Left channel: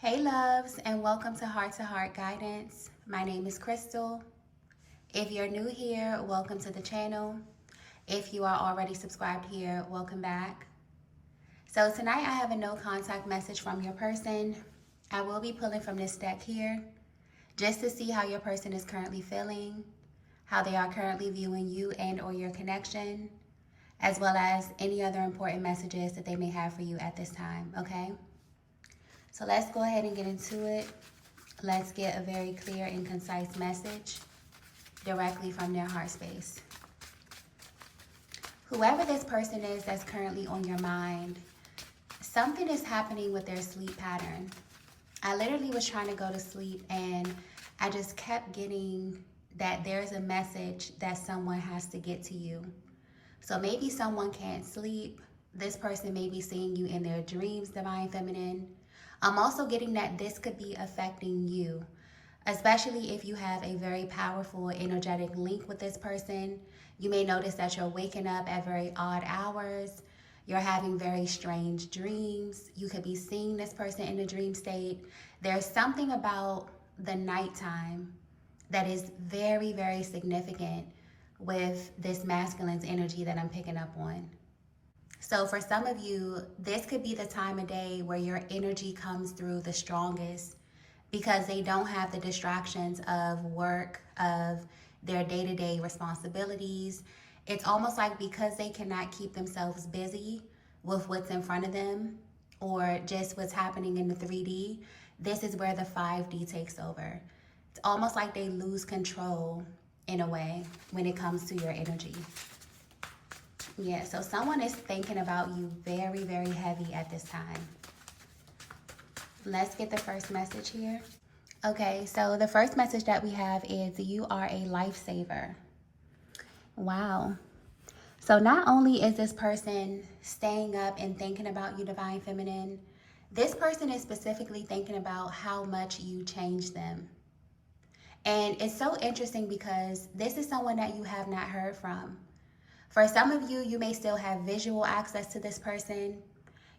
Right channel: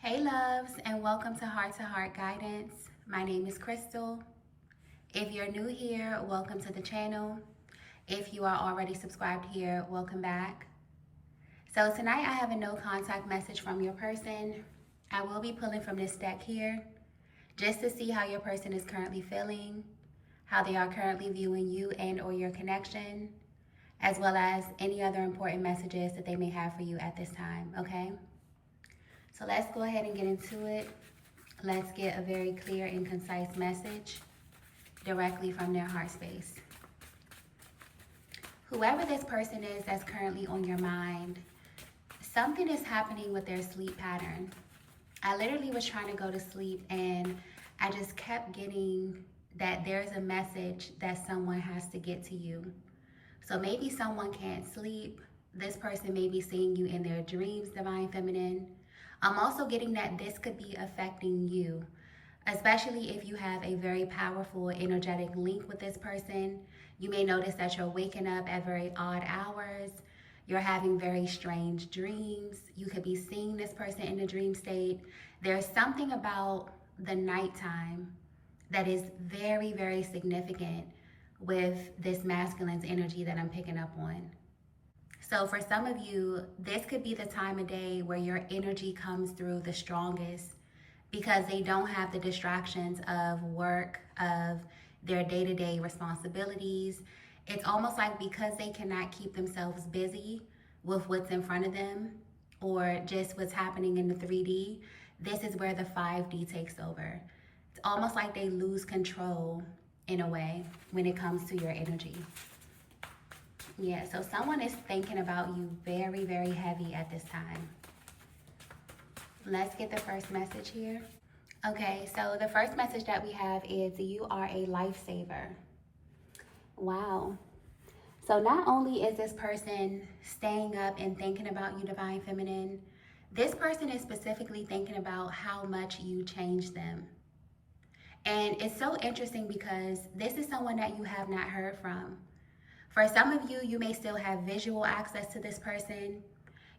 Hey loves, and welcome to Heart Guidance. My name is Crystal. If you're new here, welcome to the channel. If you are already subscribed here, welcome back. So tonight I have a no contact message from your person. I will be pulling from this deck here just to see how your person is currently feeling, how they are currently viewing you and or your connection, as well as any other important messages that they may have for you at this time, okay? So let's go ahead and get into it. Let's get a very clear and concise message directly from their heart space. Whoever this person is that's currently on your mind, something is happening with their sleep pattern. I literally was trying to go to sleep and I just kept getting that there's a message that someone has to get to you. So maybe someone can't sleep. This person may be seeing you in their dreams, Divine Feminine. I'm also getting that this could be affecting you, especially if you have a very powerful energetic link with this person. You may notice that you're waking up at very odd hours. You're having very strange dreams. You could be seeing this person in a dream state. There's something about the nighttime that is very, very significant with this masculine's energy that I'm picking up on. So for some of you, this could be the time of day where your energy comes through the strongest because they don't have the distractions of work, of their day-to-day responsibilities. It's almost like because they cannot keep themselves busy with what's in front of them or just what's happening in the 3D, this is where the 5D takes over. It's almost like they lose control in a way when it comes to your energy. Yeah, so someone is thinking about you very, very heavy at this time. Let's get the first message here. Okay, so the first message that we have is you are a lifesaver. Wow. So not only is this person staying up and thinking about you, Divine Feminine, this person is specifically thinking about how much you changed them. And it's so interesting because this is someone that you have not heard from. For some of you, you may still have visual access to this person.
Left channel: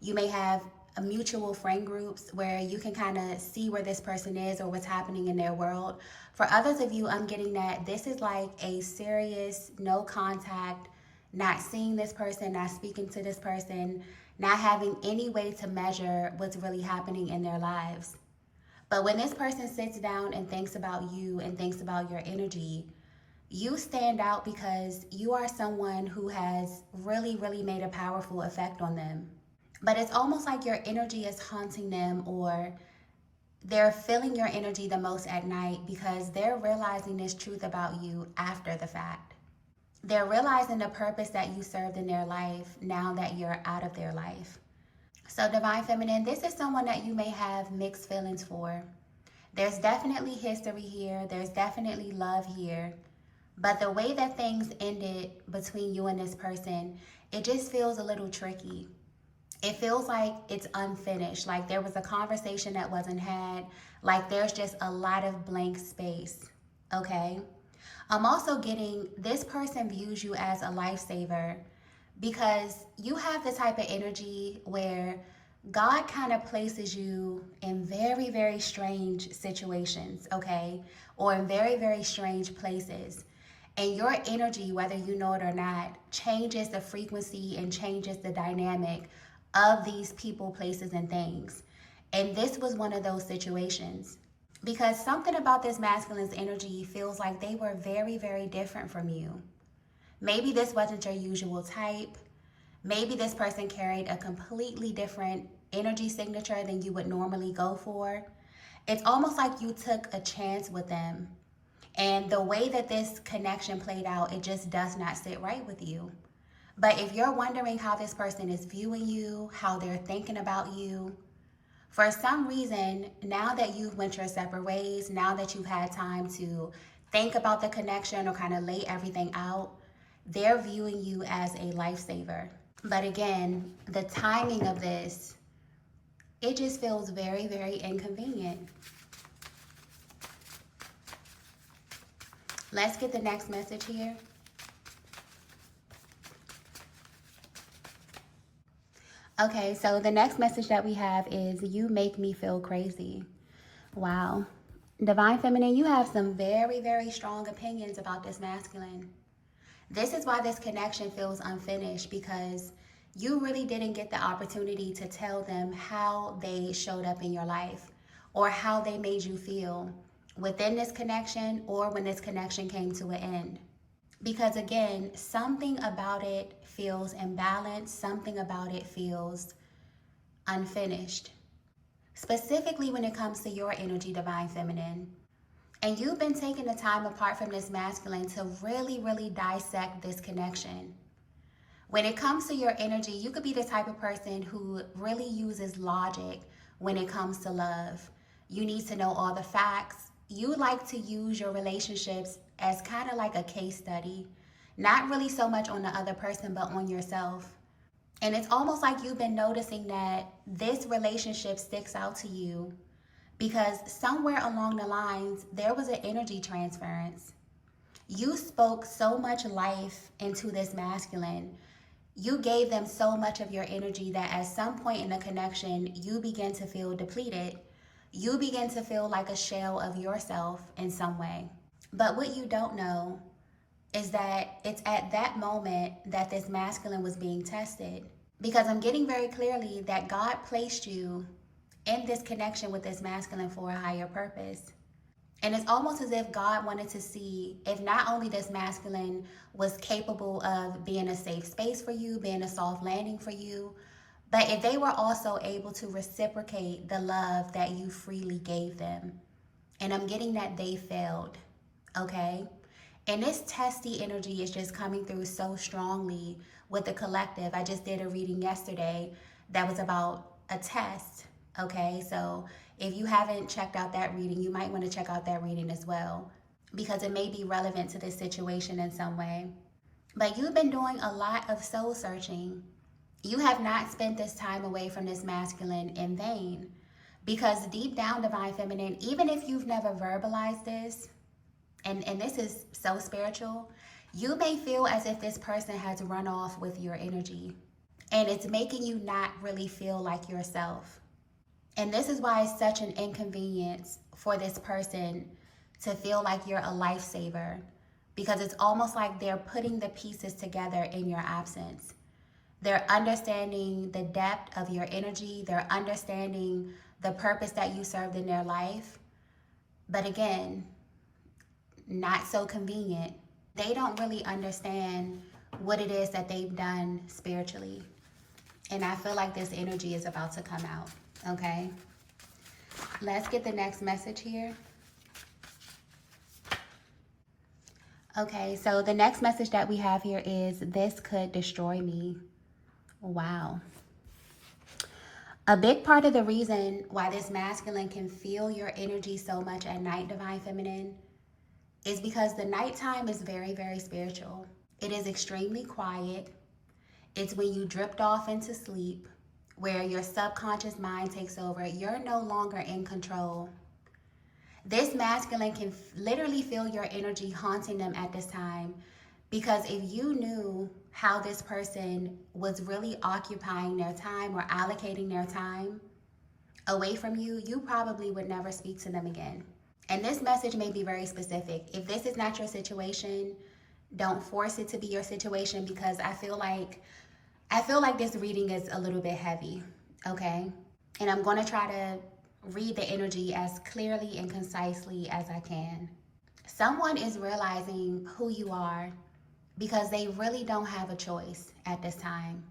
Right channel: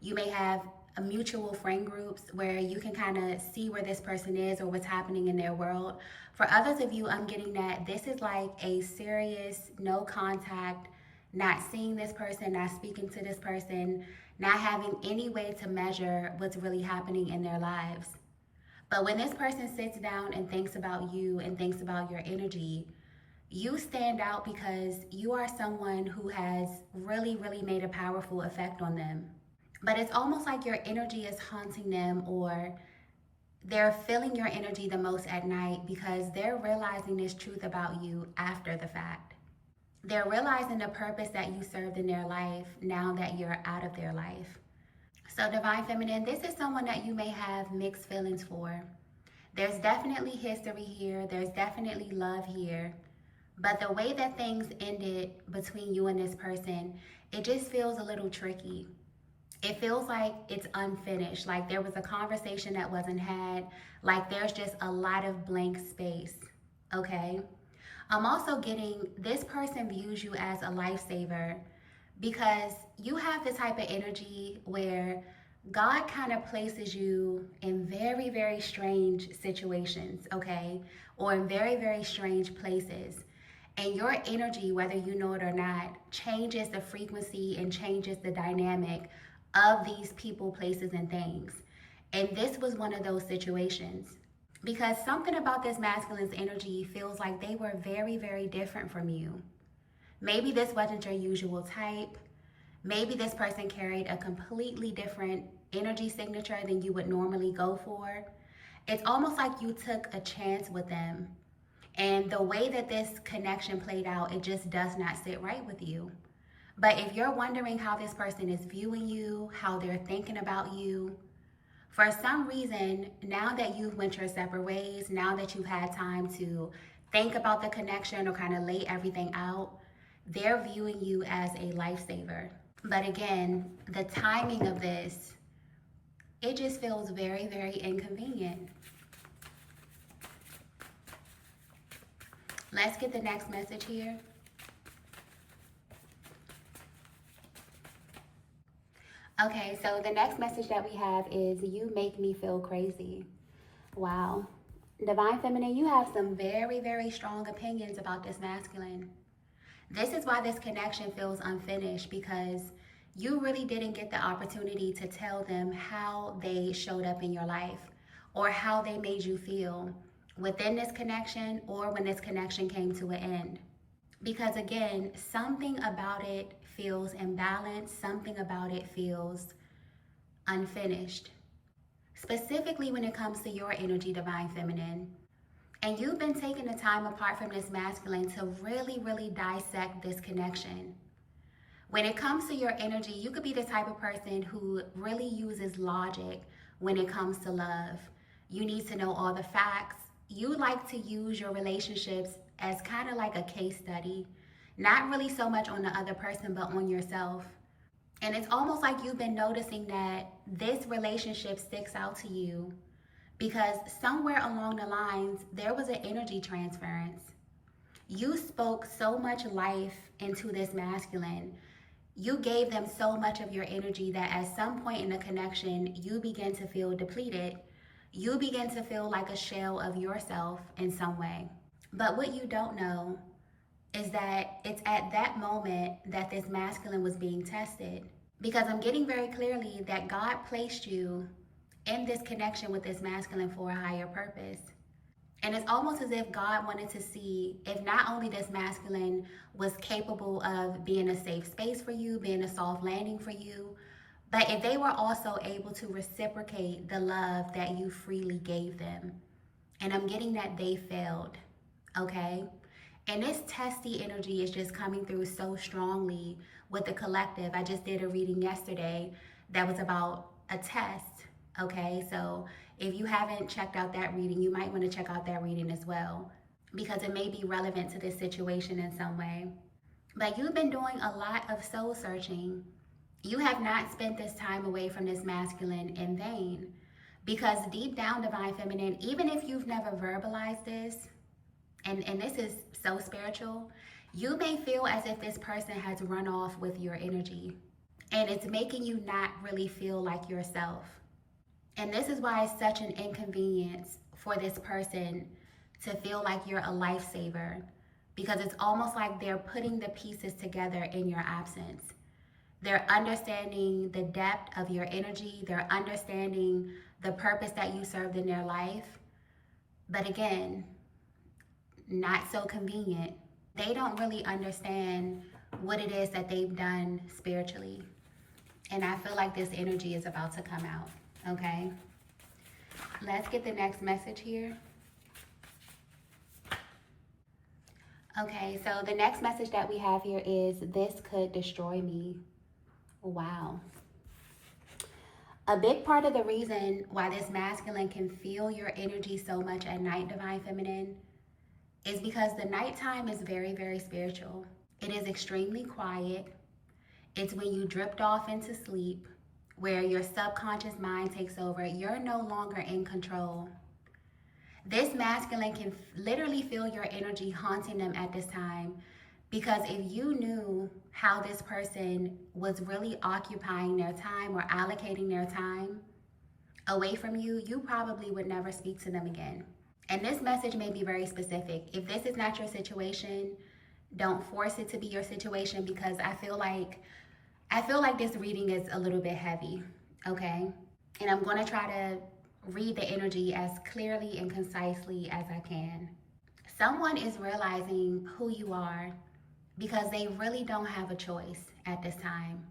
You may have a mutual friend groups where you can kind of see where this person is or what's happening in their world. For others of you, I'm getting that this is like a serious no contact, not seeing this person, not speaking to this person, not having any way to measure what's really happening in their lives. But when this person sits down and thinks about you and thinks about your energy, you stand out because you are someone who has really, really made a powerful effect on them. But it's almost like your energy is haunting them, or they're feeling your energy the most at night because they're realizing this truth about you after the fact. They're realizing the purpose that you served in their life now that you're out of their life. So Divine Feminine, this is someone that you may have mixed feelings for. There's definitely history here. There's definitely love here. But the way that things ended between you and this person, it just feels a little tricky. It feels like it's unfinished, like there was a conversation that wasn't had, like there's just a lot of blank space, okay? I'm also getting this person views you as a lifesaver because you have the type of energy where God kind of places you in very, very strange situations, okay? Or in very, very strange places. And your energy, whether you know it or not, changes the frequency and changes the dynamic of these people, places, and things. And this was one of those situations. Because something about this masculine's energy feels like they were very, very different from you. Maybe this wasn't your usual type. Maybe this person carried a completely different energy signature than you would normally go for. It's almost like you took a chance with them. And the way that this connection played out, it just does not sit right with you. But if you're wondering how this person is viewing you, how they're thinking about you, for some reason, now that you've went your separate ways, now that you've had time to think about the connection or kind of lay everything out, they're viewing you as a lifesaver. But again, the timing of this, it just feels very, very inconvenient. Let's get the next message here. Okay, so the next message that we have is you make me feel crazy. Wow. Divine Feminine, you have some very, very strong opinions about this masculine. This is why this connection feels unfinished, because you really didn't get the opportunity to tell them how they showed up in your life or how they made you feel within this connection or when this connection came to an end. Because again, something about it feels imbalanced, something about it feels unfinished. Specifically when it comes to your energy, Divine Feminine. And you've been taking the time apart from this masculine to really, really dissect this connection. When it comes to your energy, you could be the type of person who really uses logic when it comes to love. You need to know all the facts. You like to use your relationships as kind of like a case study, not really so much on the other person, but on yourself. And it's almost like you've been noticing that this relationship sticks out to you because somewhere along the lines, there was an energy transference. You spoke so much life into this masculine. You gave them so much of your energy that at some point in the connection, you begin to feel depleted. You begin to feel like a shell of yourself in some way. But what you don't know is that it's at that moment that this masculine was being tested. Because I'm getting very clearly that God placed you in this connection with this masculine for a higher purpose. And it's almost as if God wanted to see if not only this masculine was capable of being a safe space for you, being a soft landing for you, but if they were also able to reciprocate the love that you freely gave them. And I'm getting that they failed, okay? And this testy energy is just coming through so strongly with the collective. I just did a reading yesterday that was about a test, okay? So if you haven't checked out that reading, you might want to check out that reading as well, because it may be relevant to this situation in some way. But you've been doing a lot of soul searching. You have not spent this time away from this masculine in vain, because deep down, Divine Feminine, even if you've never verbalized this, and this is so spiritual, you may feel as if this person has run off with your energy, and it's making you not really feel like yourself. And this is why it's such an inconvenience for this person to feel like you're a lifesaver, because it's almost like they're putting the pieces together in your absence. They're understanding the depth of your energy. They're understanding the purpose that you served in their life. But again, not so convenient. They don't really understand what it is that they've done spiritually. And I feel like this energy is about to come out, okay? Let's get the next message here. Okay, so the next message that we have here is, this could destroy me. Wow. A big part of the reason why this masculine can feel your energy so much at night, Divine Feminine, is because the nighttime is very, very spiritual. It is extremely quiet. It's when you drift off into sleep, where your subconscious mind takes over. You're no longer in control. This masculine can literally feel your energy haunting them at this time, because if you knew how this person was really occupying their time or allocating their time away from you, you probably would never speak to them again. And this message may be very specific. If this is not your situation, don't force it to be your situation, because I feel like this reading is a little bit heavy, okay? And I'm going to try to read the energy as clearly and concisely as I can. Someone is realizing who you are because they really don't have a choice at this time.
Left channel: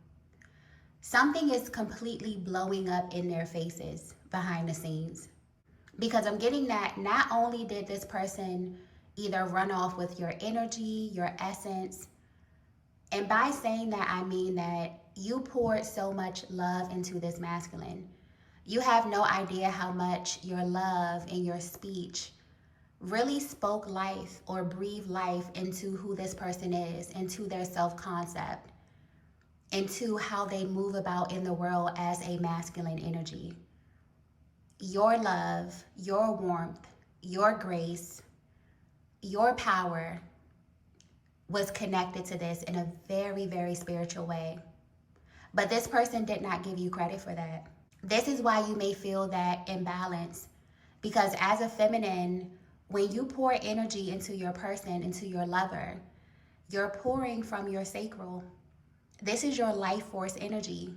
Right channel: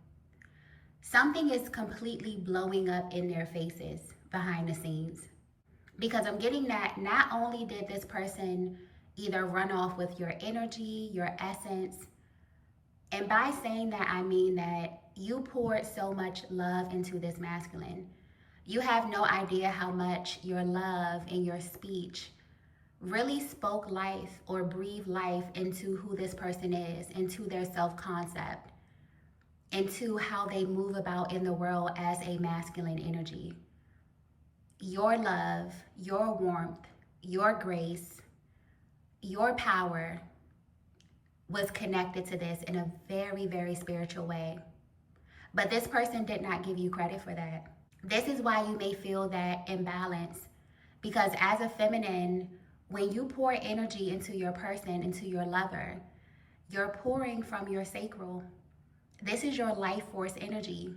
Something is completely blowing up in their faces behind the scenes. Because I'm getting that not only did this person either run off with your energy, your essence, and by saying that, I mean that you poured so much love into this masculine. You have no idea how much your love and your speech really spoke life or breathed life into who this person is, into their self-concept, into how they move about in the world as a masculine energy. Your love, your warmth, your grace, your power was connected to this in a very, very spiritual way. But this person did not give you credit for that. This is why you may feel that imbalance. Because as a feminine, when you pour energy into your person, into your lover, you're pouring from your sacral. This is your life force energy.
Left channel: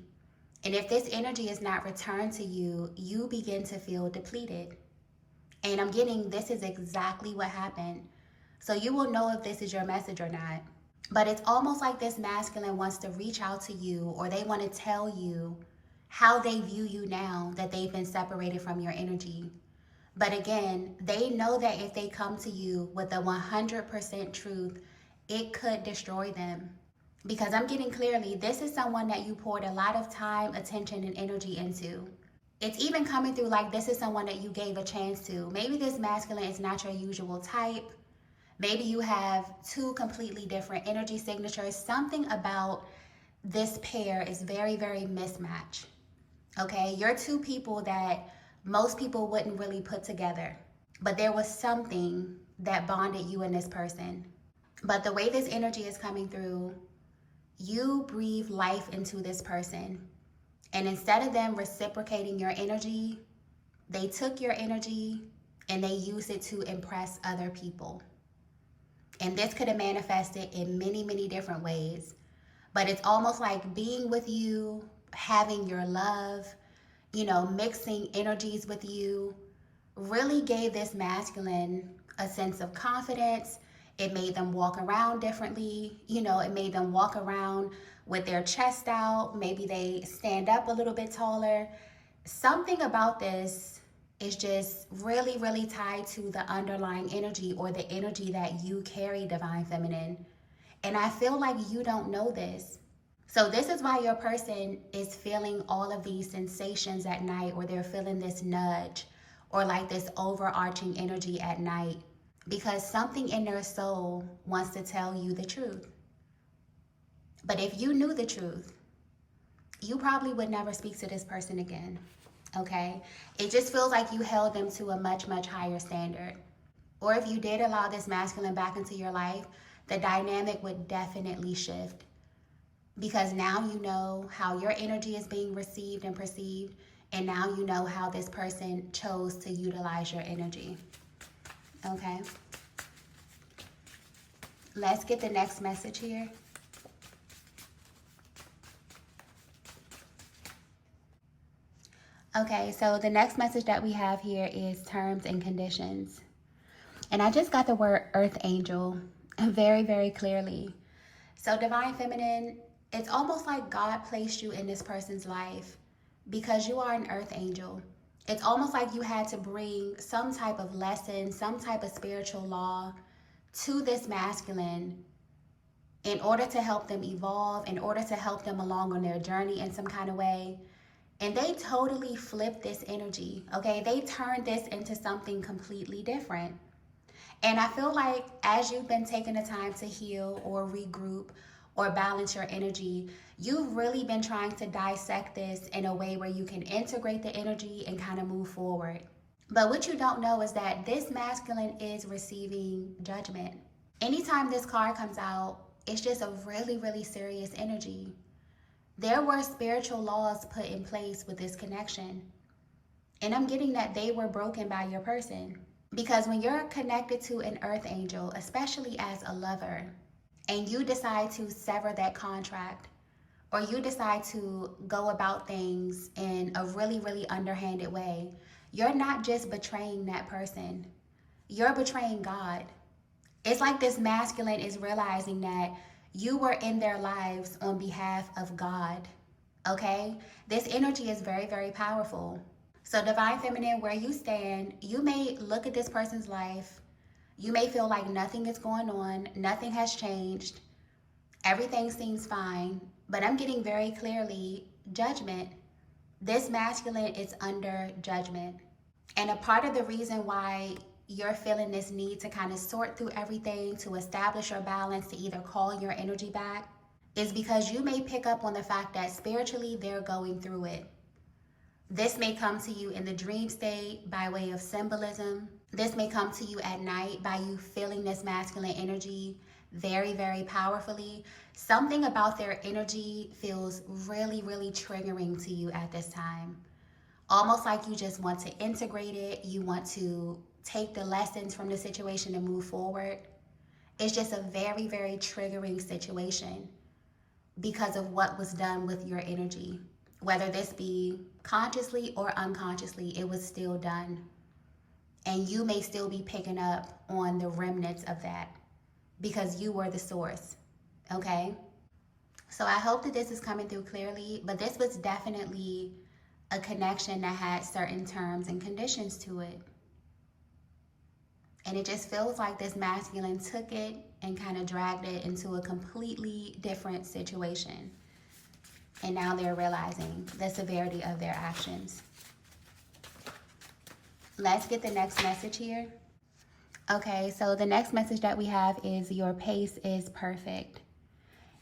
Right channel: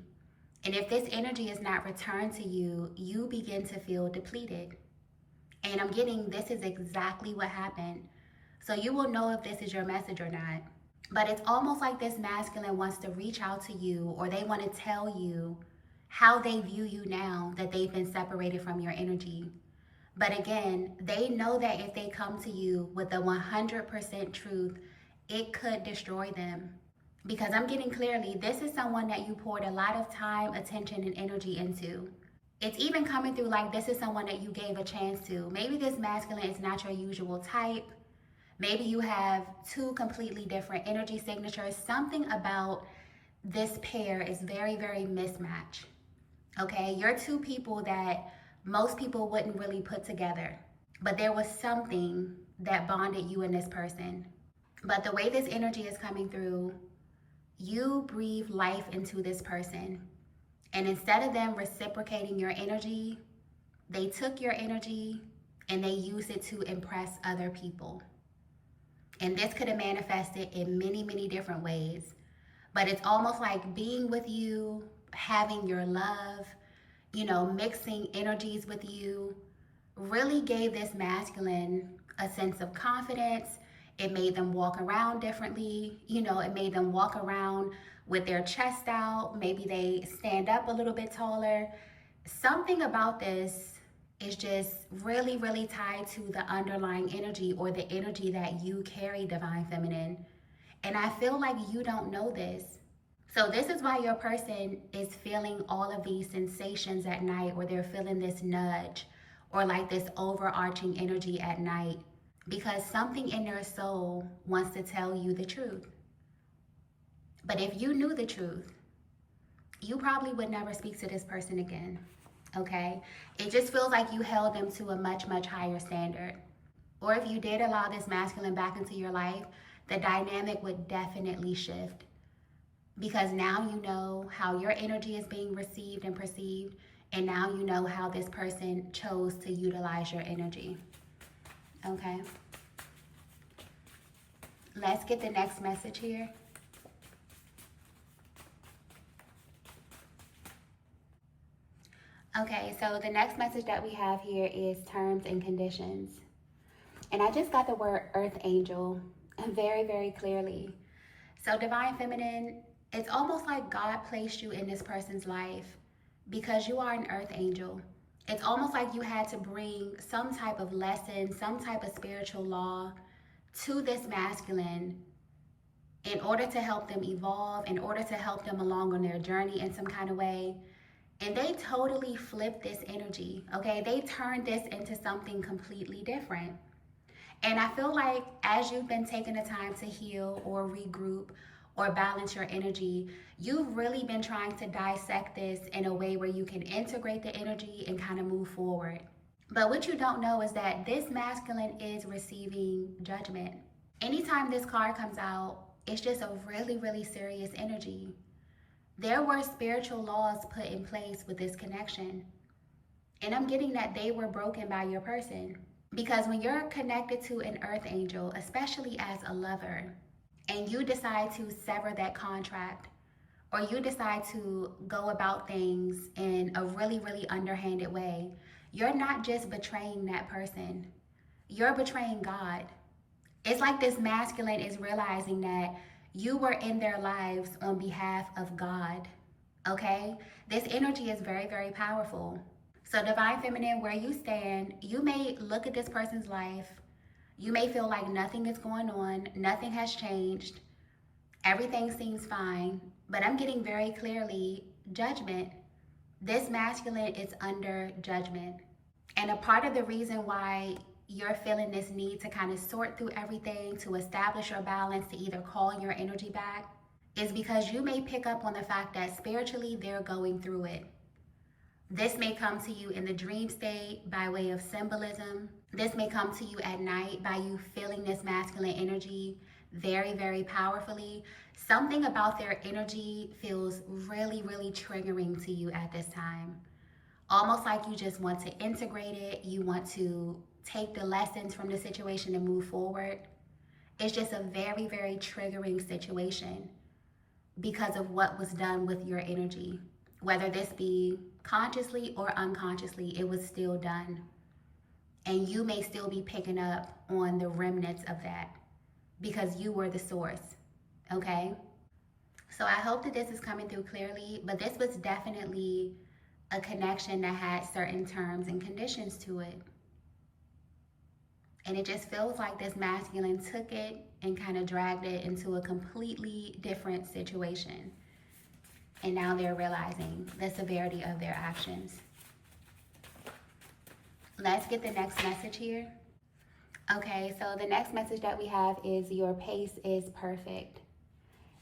And if this energy is not returned to you, you begin to feel depleted. And I'm getting this is exactly what happened. So you will know if this is your message or not. But it's almost like this masculine wants to reach out to you, or they want to tell you how they view you now that they've been separated from your energy. But again, they know that if they come to you with the 100% truth, it could destroy them. Because I'm getting clearly, this is someone that you poured a lot of time, attention, and energy into. It's even coming through like this is someone that you gave a chance to. Maybe this masculine is not your usual type. Maybe you have two completely different energy signatures. Something about this pair is very, very mismatched. Okay, you're two people that most people wouldn't really put together. But there was something that bonded you and this person. But the way this energy is coming through, you breathe life into this person. And instead of them reciprocating your energy, they took your energy and they used it to impress other people. And this could have manifested in many, many different ways. But it's almost like being with you, having your love, mixing energies with you, really gave this masculine a sense of confidence. It made them walk around differently. It made them walk around with their chest out. Maybe they stand up a little bit taller. Something about this is just really, really tied to the underlying energy, or the energy that you carry, Divine Feminine. And I feel like you don't know this. So this is why your person is feeling all of these sensations at night, or they're feeling this nudge, or like this overarching energy at night, because something in their soul wants to tell you the truth. But if you knew the truth, you probably would never speak to this person again. Okay? It just feels like you held them to a much, much higher standard. Or if you did allow this masculine back into your life, the dynamic would definitely shift. Because now you know how your energy is being received and perceived, and now you know how this person chose to utilize your energy. Okay? Let's get the next message here. Okay, so the next message that we have here is terms and conditions. And I just got the word earth angel very, very clearly. So Divine Feminine, it's almost like God placed you in this person's life because you are an earth angel. It's almost like you had to bring some type of lesson, some type of spiritual law to this masculine in order to help them evolve, in order to help them along on their journey in some kind of way. And they totally flipped this energy, okay? They turned this into something completely different. And I feel like as you've been taking the time to heal or regroup or balance your energy, you've really been trying to dissect this in a way where you can integrate the energy and kind of move forward. But what you don't know is that this masculine is receiving judgment. Anytime this card comes out, it's just a really, really serious energy. There were spiritual laws put in place with this connection. And I'm getting that they were broken by your person. Because when you're connected to an earth angel, especially as a lover, and you decide to sever that contract, or you decide to go about things in a really, really underhanded way, you're not just betraying that person. You're betraying God. It's like this masculine is realizing that you were in their lives on behalf of God, okay? This energy is very, very powerful. So Divine Feminine, where you stand, you may look at this person's life. You may feel like nothing is going on, nothing has changed, everything seems fine, but I'm getting very clearly judgment. This masculine is under judgment. And a part of the reason why you're feeling this need to kind of sort through everything, to establish your balance, to either call your energy back, is because you may pick up on the fact that spiritually they're going through it. This may come to you in the dream state by way of symbolism. This may come to you at night by you feeling this masculine energy very, very powerfully. Something about their energy feels really, really triggering to you at this time. Almost like you just want to integrate it. You want to take the lessons from the situation and move forward. It's just a very, very triggering situation because of what was done with your energy. Whether this be consciously or unconsciously, it was still done. And you may still be picking up on the remnants of that because you were the source, okay? So I hope that this is coming through clearly, but this was definitely a connection that had certain terms and conditions to it. And it just feels like this masculine took it and kind of dragged it into a completely different situation. And now they're realizing the severity of their actions. Let's get the next message here. Okay, so the next message that we have is your pace is perfect.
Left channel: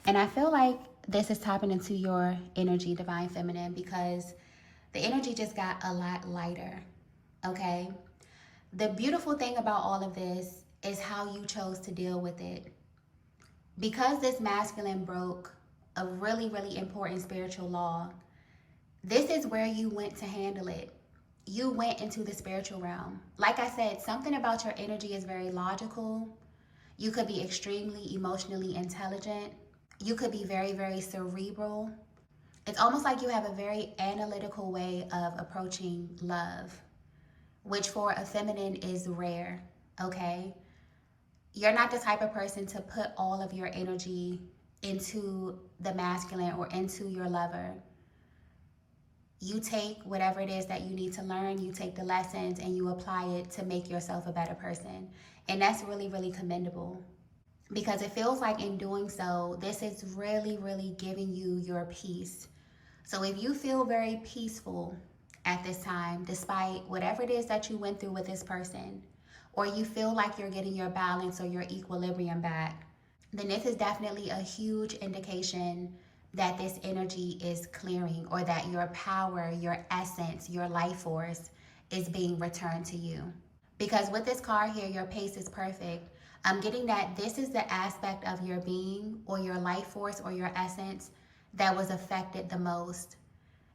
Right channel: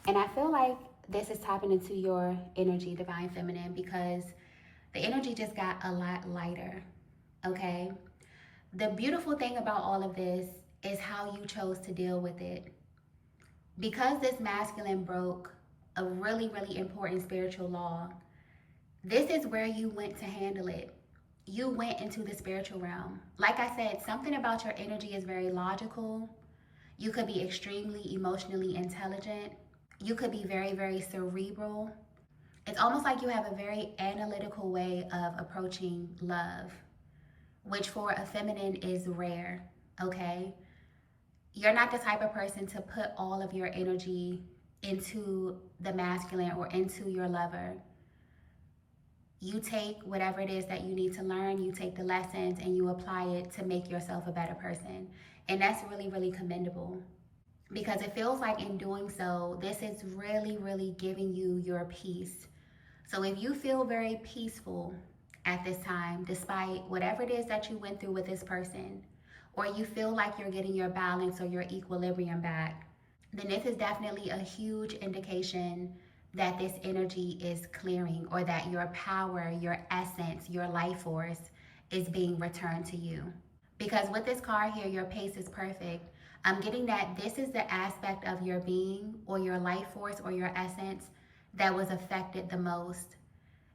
And I feel like this is tapping into your energy, Divine Feminine, because the energy just got a lot lighter, okay? The beautiful thing about all of this is how you chose to deal with it. Because this masculine broke a really, really important spiritual law, this is where you went to handle it. You went into the spiritual realm. Like I said, something about your energy is very logical. You could be extremely emotionally intelligent. You could be very, very cerebral. It's almost like you have a very analytical way of approaching love, which for a feminine is rare, okay? You're not the type of person to put all of your energy into the masculine or into your lover. You take whatever it is that you need to learn, you take the lessons and you apply it to make yourself a better person. And that's really, really commendable, because it feels like in doing so, this is really, really giving you your peace. So if you feel very peaceful at this time, despite whatever it is that you went through with this person, or you feel like you're getting your balance or your equilibrium back, then this is definitely a huge indication that this energy is clearing, or that your power, your essence, your life force is being returned to you. Because with this card here, your pace is perfect. I'm getting that this is the aspect of your being or your life force or your essence that was affected the most.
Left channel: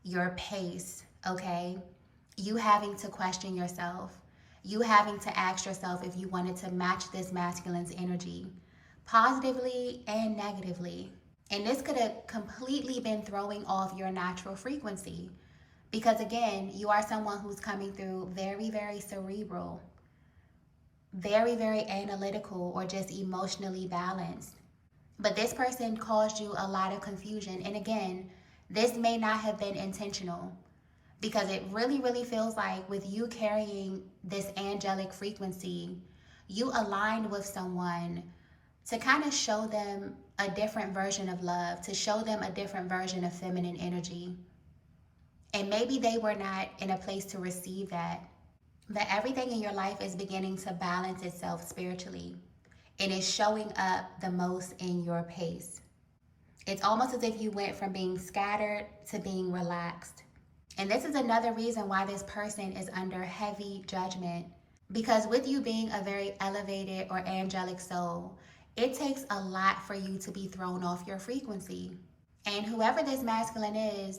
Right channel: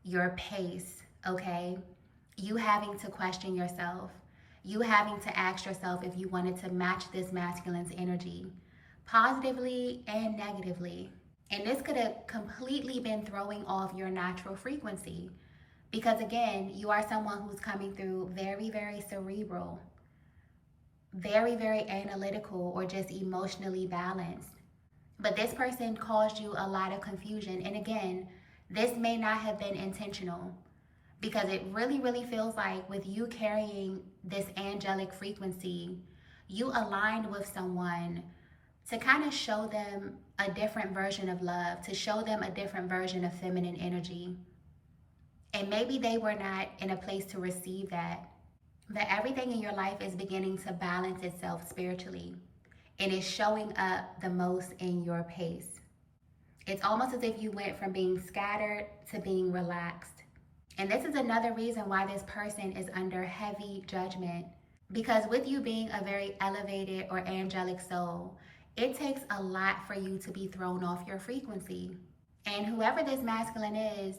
Your pace, okay? You having to question yourself. You having to ask yourself if you wanted to match this masculine's energy, positively and negatively. And this could have completely been throwing off your natural frequency, because again, you are someone who's coming through very, very cerebral, very, very analytical, or just emotionally balanced. But this person caused you a lot of confusion. And again, this may not have been intentional, because it really, really feels like with you carrying this angelic frequency, you aligned with someone to kind of show them a different version of love, to show them a different version of feminine energy. And maybe they were not in a place to receive that. But everything in your life is beginning to balance itself spiritually. It is showing up the most in your pace. It's almost as if you went from being scattered to being relaxed. And this is another reason why this person is under heavy judgment. Because with you being a very elevated or angelic soul, it takes a lot for you to be thrown off your frequency. And whoever this masculine is,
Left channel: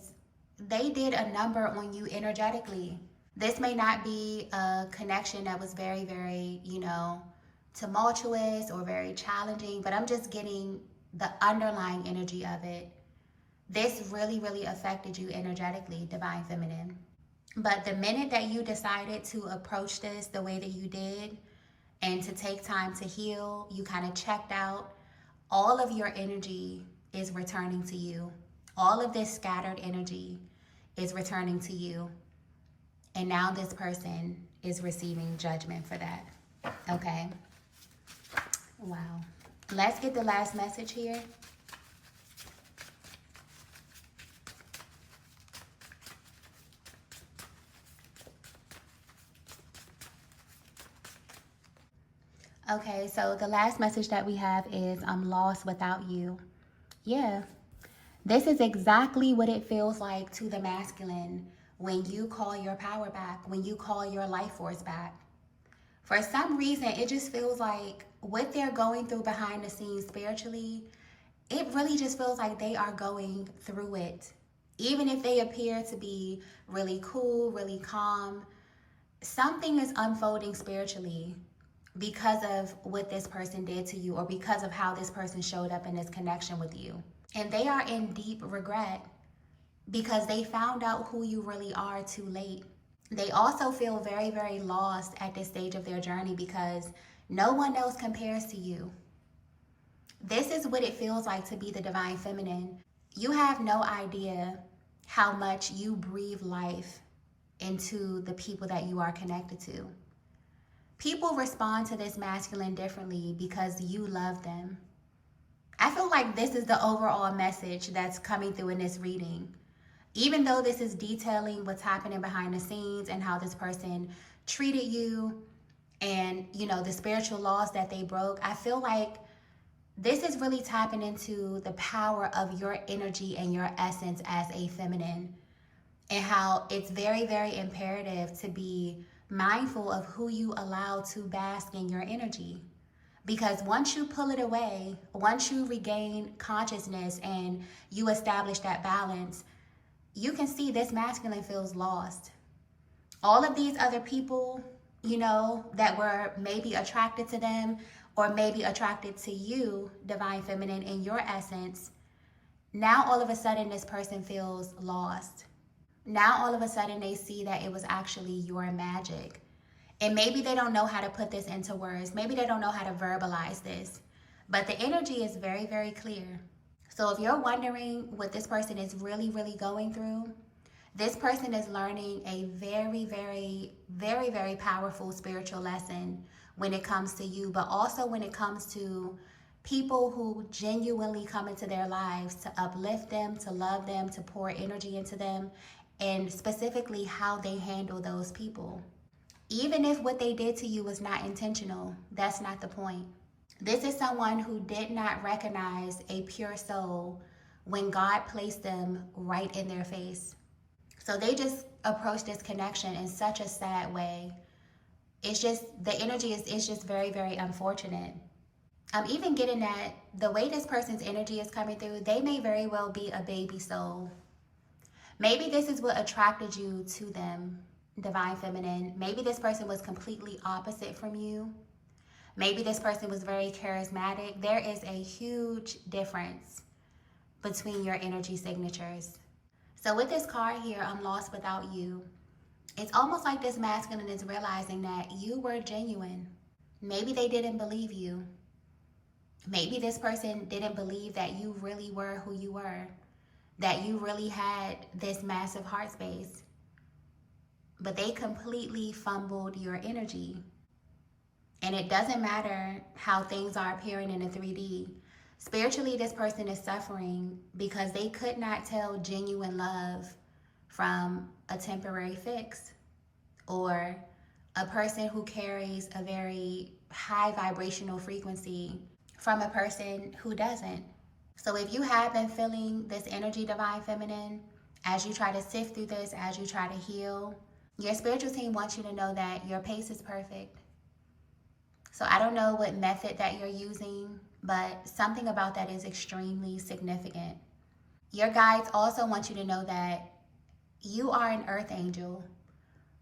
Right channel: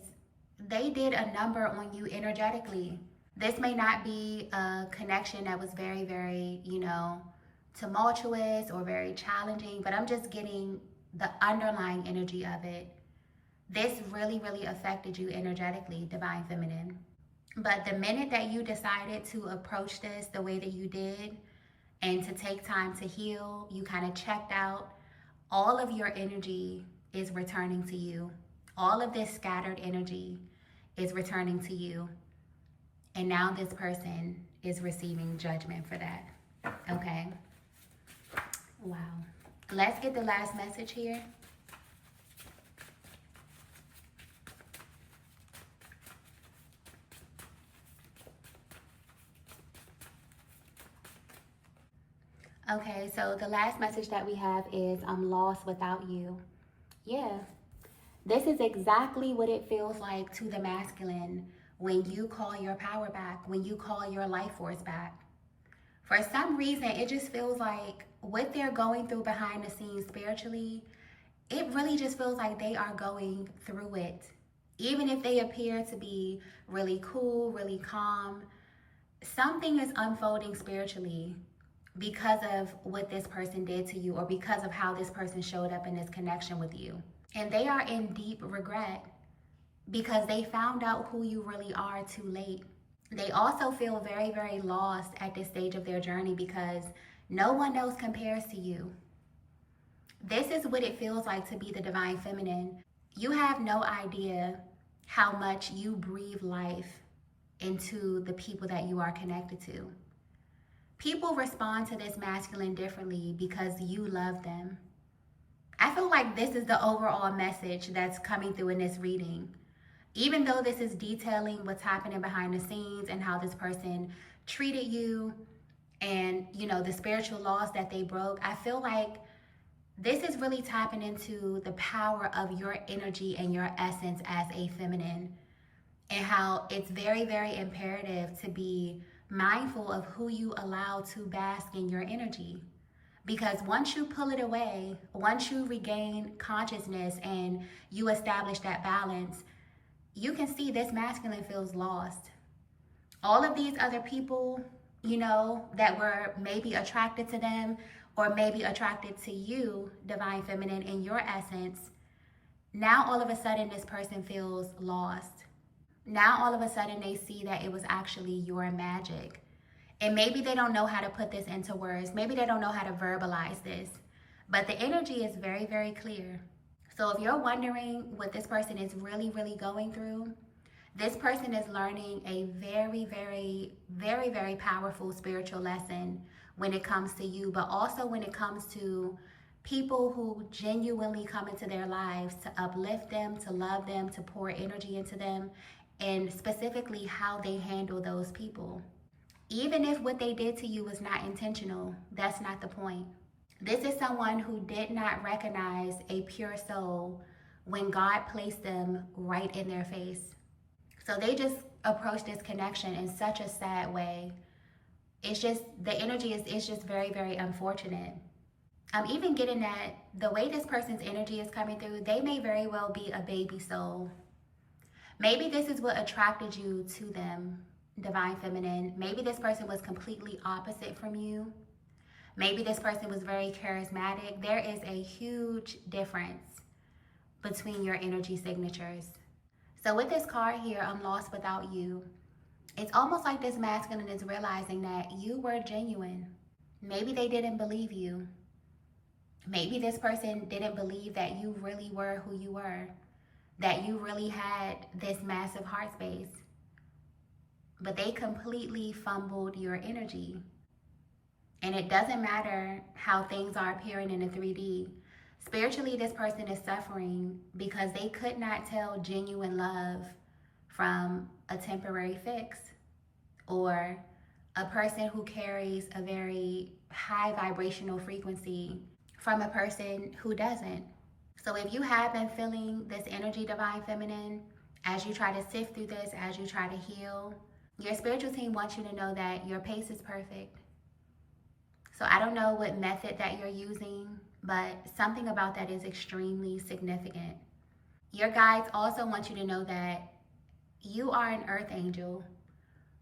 they did a number on you energetically. This may not be a connection that was very, very, tumultuous or very challenging, but I'm just getting the underlying energy of it. This really, really affected you energetically, Divine Feminine. But the minute that you decided to approach this the way that you did, and to take time to heal, you kind of checked out, all of your energy is returning to you. All of this scattered energy is returning to you. And now this person is receiving judgment for that. Okay? Wow. Let's get the last message here. Okay, so the last message that we have is, I'm lost without you. Yeah, this is exactly what it feels like to the masculine when you call your power back, when you call your life force back. For some reason, it just feels like what they're going through behind the scenes spiritually, it really just feels like they are going through it. Even if they appear to be really cool, really calm, something is unfolding spiritually because of what this person did to you or because of how this person showed up in this connection with you. And they are in deep regret because they found out who you really are too late. They also feel very, very lost at this stage of their journey because no one else compares to you. This is what it feels like to be the divine feminine. You have no idea how much you breathe life into the people that you are connected to. People respond to this masculine differently because you love them. I feel like this is the overall message that's coming through in this reading. Even though this is detailing what's happening behind the scenes and how this person treated you and, the spiritual laws that they broke, I feel like this is really tapping into the power of your energy and your essence as a feminine, and how it's very, very imperative to be mindful of who you allow to bask in your energy. Because once you pull it away, once you regain consciousness and you establish that balance, you can see this masculine feels lost. All of these other people, that were maybe attracted to them or maybe attracted to you, divine feminine, in your essence, now all of a sudden this person feels lost. Now all of a sudden they see that it was actually your magic. And maybe they don't know how to put this into words. Maybe they don't know how to verbalize this. But the energy is very, very clear. So if you're wondering what this person is really, really going through, this person is learning a very, very, very, very powerful spiritual lesson when it comes to you, but also when it comes to people who genuinely come into their lives to uplift them, to love them, to pour energy into them, and specifically how they handle those people. Even if what they did to you was not intentional, that's not the point. This is someone who did not recognize a pure soul when God placed them right in their face. So they just approach this connection in such a sad way. It's just, the energy is just very, very unfortunate. I'm even getting that the way this person's energy is coming through, they may very well be a baby soul. Maybe this is what attracted you to them, divine feminine. Maybe this person was completely opposite from you. Maybe this person was very charismatic. There is a huge difference between your energy signatures. So with this card here, I'm lost without you, it's almost like this masculine is realizing that you were genuine. Maybe they didn't believe you. Maybe this person didn't believe that you really were who you were, that you really had this massive heart space. But they completely fumbled your energy. And it doesn't matter how things are appearing in the 3D. Spiritually, this person is suffering because they could not tell genuine love from a temporary fix, or a person who carries a very high vibrational frequency from a person who doesn't. So if you have been feeling this energy, divine feminine, as you try to sift through this, as you try to heal, your spiritual team wants you to know that your pace is perfect. So I don't know what method that you're using, but something about that is extremely significant. Your guides also want you to know that you are an earth angel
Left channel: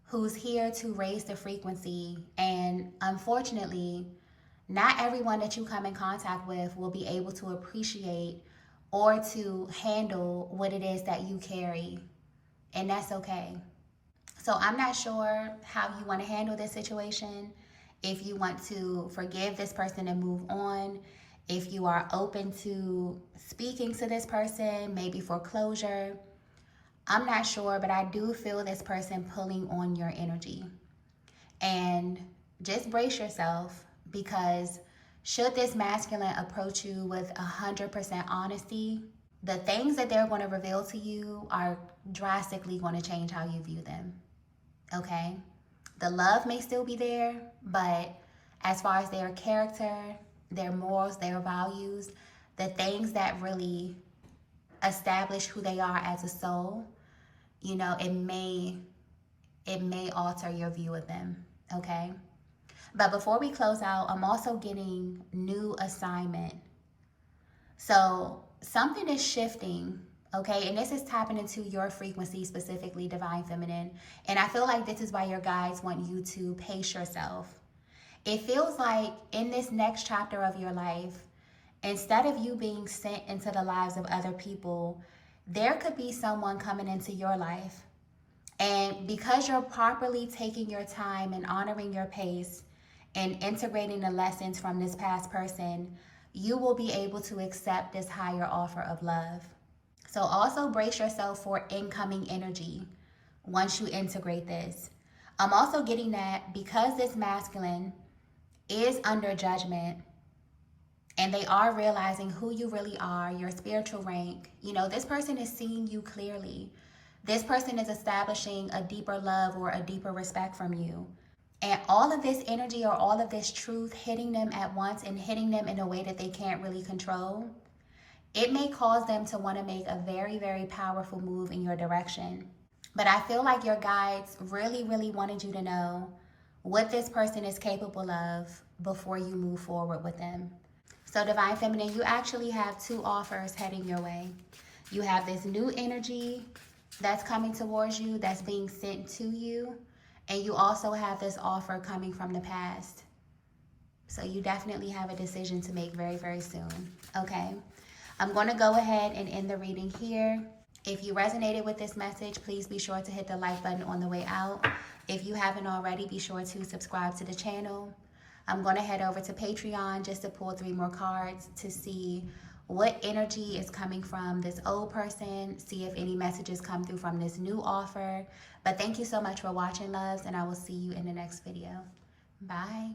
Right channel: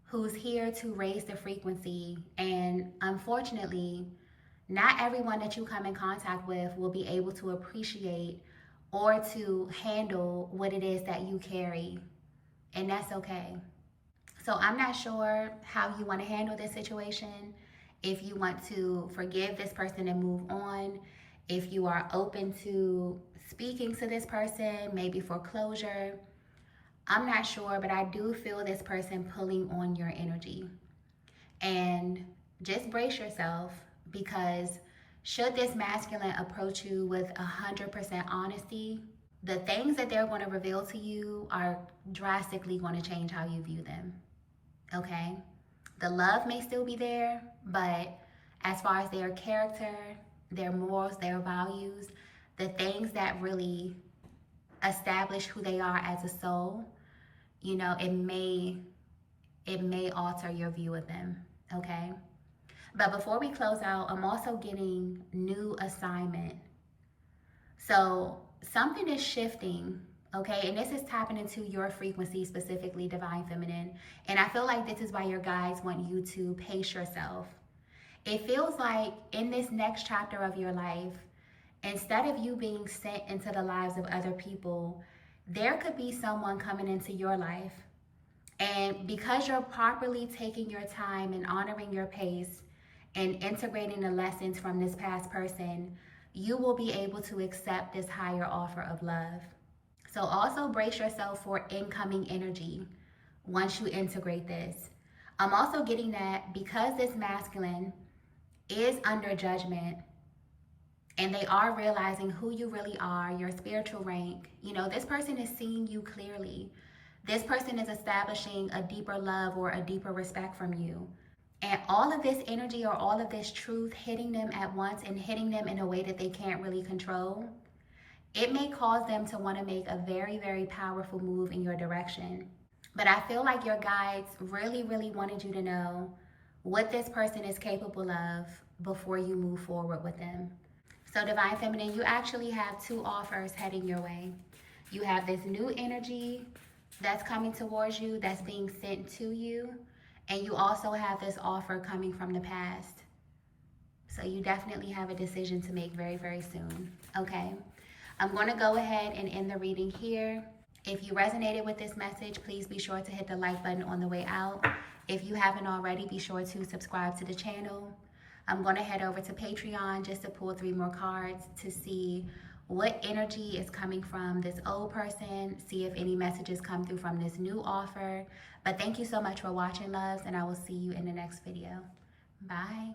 who's here to raise the frequency. And unfortunately, not everyone that you come in contact with will be able to appreciate or to handle what it is that you carry. And that's okay. So I'm not sure how you want to handle this situation. If you want to forgive this person and move on, if you are open to speaking to this person, maybe for closure, I'm not sure, but I do feel this person pulling on your energy. And just brace yourself, because should this masculine approach you with 100% honesty, the things that they're going to reveal to you are drastically going to change how you view them. Okay? The love may still be there, but as far as their character, their morals, their values, the things that really establish who they are as a soul, it may alter your view of them, okay? But before we close out, I'm also getting new assignment. So something is shifting, okay? And this is tapping into your frequency, specifically Divine Feminine. And I feel like this is why your guides want you to pace yourself. It feels like in this next chapter of your life, instead of you being sent into the lives of other people, there could be someone coming into your life. And because you're properly taking your time and honoring your pace and integrating the lessons from this past person, you will be able to accept this higher offer of love. So also brace yourself for incoming energy once you integrate this. I'm also getting that because this masculine is under judgment and they are realizing who you really are, your spiritual rank, this person is seeing you clearly. This person is establishing a deeper love or a deeper respect from you. And all of this energy or all of this truth hitting them at once and hitting them in a way that they can't really control, it may cause them to want to make a very, very powerful move in your direction. But I feel like your guides really, really wanted you to know what this person is capable of before you move forward with them. So Divine Feminine, you actually have two offers heading your way. You have this new energy that's coming towards you, that's being sent to you. And you also have this offer coming from the past. So you definitely have a decision to make very, very soon, okay? I'm going to go ahead and end the reading here. If you resonated with this message, please be sure to hit the like button on the way out. If you haven't already, be sure to subscribe to the channel. I'm going to head over to Patreon just to pull 3 more cards to see what energy is coming from this old person, see if any messages come through from this new offer. But thank you so much for watching, loves, and I will see you in the next video. Bye.